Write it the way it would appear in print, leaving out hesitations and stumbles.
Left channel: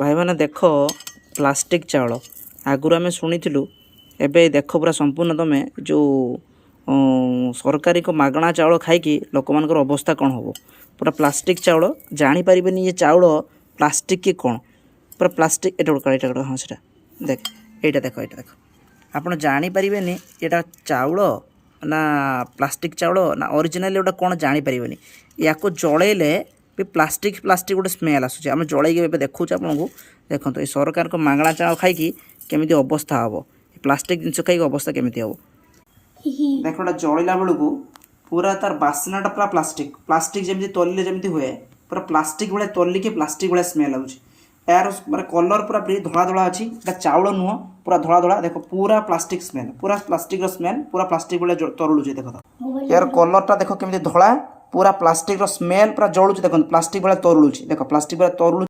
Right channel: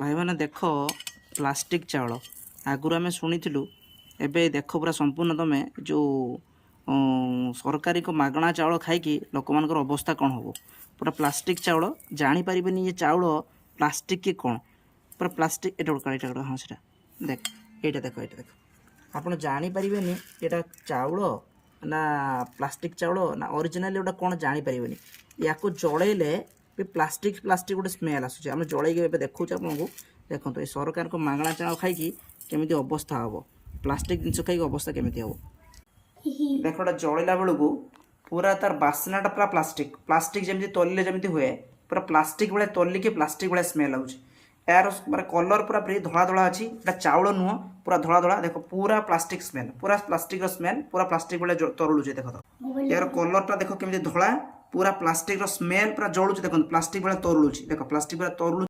भाई मैंने देख प्लास्टिक चाउल आगुरी आम शुणी एबे देख पूरा संपूर्ण तुम जो सरकारी को मागणा चाउल खाई लोक मान अवस्था कौन हम पूरा प्लास्टिक चाउल जापर ये चाउल प्लास्टिक कि कौन पूरा प्लास्टिक एटा हाँ से देख यहाँ देख यहाँ देख आपड़ जापर यहाँ चाउल ना प्लास्टिक चाउल ना ओरिजिनल गोटे कौन जापर या जलैले भी प्लास्टिक प्लास्टिक गोटे स्मेल आसूँ आम जलैक देखा आपन को देखो ये सरकार को मागणा चाउल खाई केमी अवस्था हम प्लास्टिक जिन खाई अवस्था केमी हम देख जलैला बेलू पूरा तार बास्नाटा पूरा प्लास्टिक प्लास्टिक जमी तलिले जमी हुए पूरा प्लास्टिक भाई तलिके प्लास्टिक भाई स्मेल आउे यार मतलब कलर पूरा धला धला अच्छी एटा चाउल नुह पूरा धला धला देख पूरा प्लास्टिक स्मेल पूरा प्लास्टिक स्मेल पूरा प्लास्टिक भाई तरुलुचे देख तो यार कलरटा देख केमी धला पूरा प्लास्टिक स्मेल पूरा जलुचे देख प्लास्टिक भाई तरुलुचे देख प्लास्टिक भाई तरुलु